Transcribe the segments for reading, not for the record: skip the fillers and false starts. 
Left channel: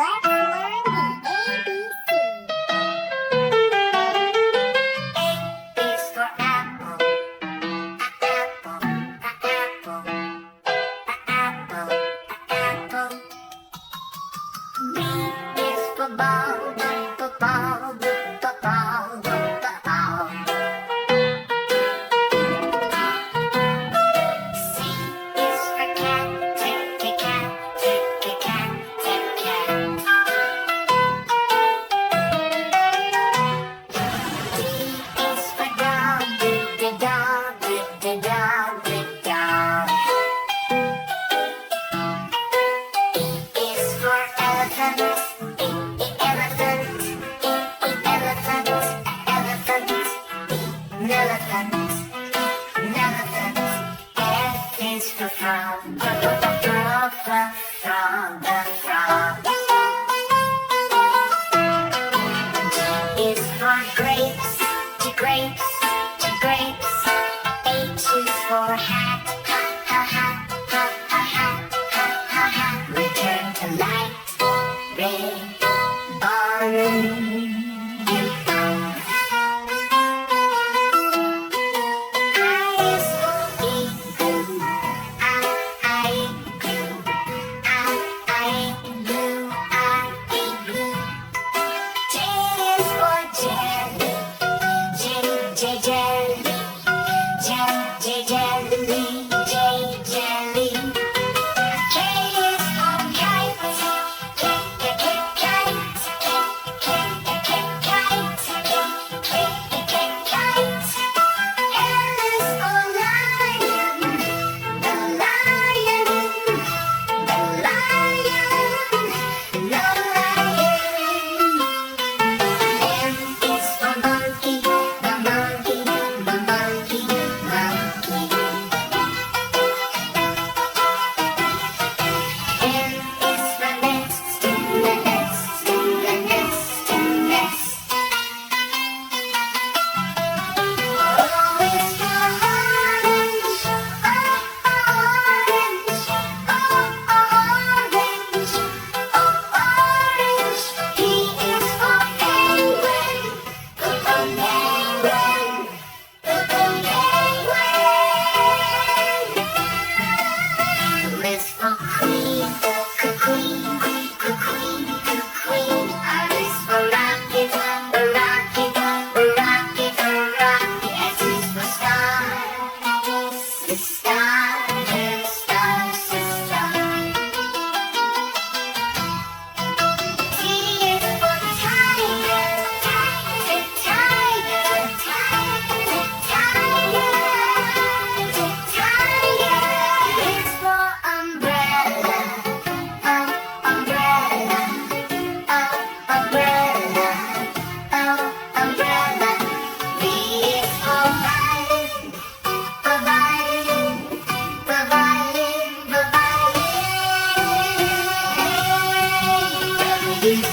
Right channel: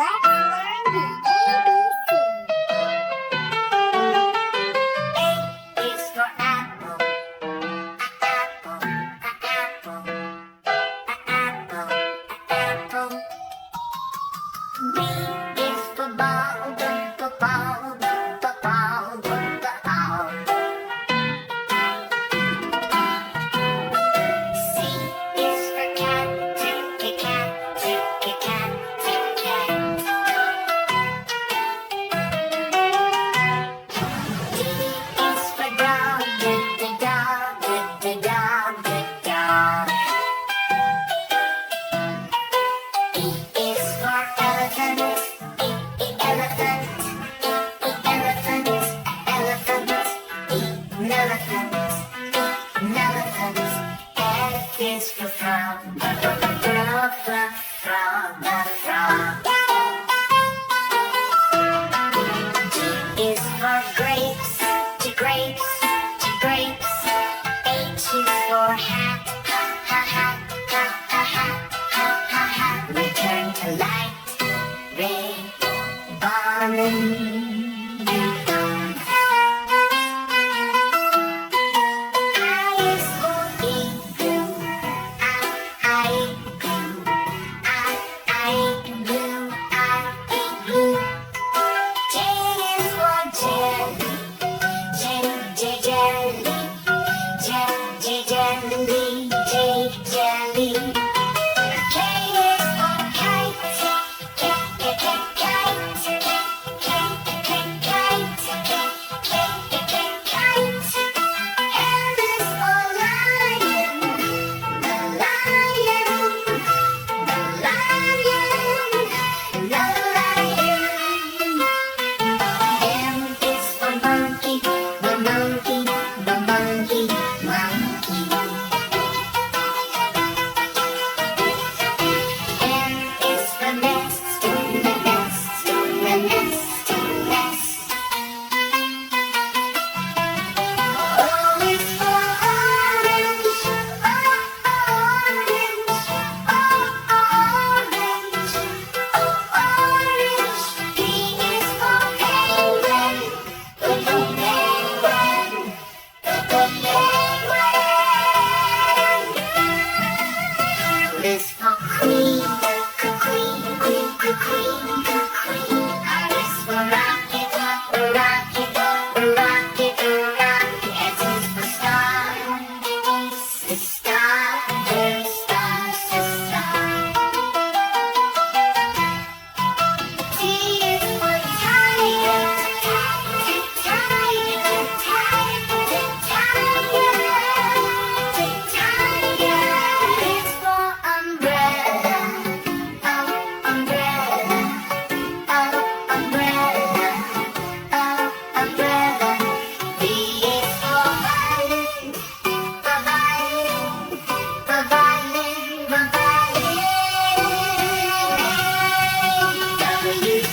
Let's learn the ABC. A is for apple. Apple, apple, apple, apple. B is for ball, ball, ball, ball, ball. C is for cat, cat, cat, cat. D is for dog, dog, dog, dog. E is for elephant, elephant, elephant, elephant. Elephant, elephant. F is for frog, frog, frog, frog, frog. G is for grapes, grapes, grapes. H is for hat, ha, ha, ha, ha, ha, ha, ha, ha. Return to light, red, barn.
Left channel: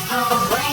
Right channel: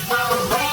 Away.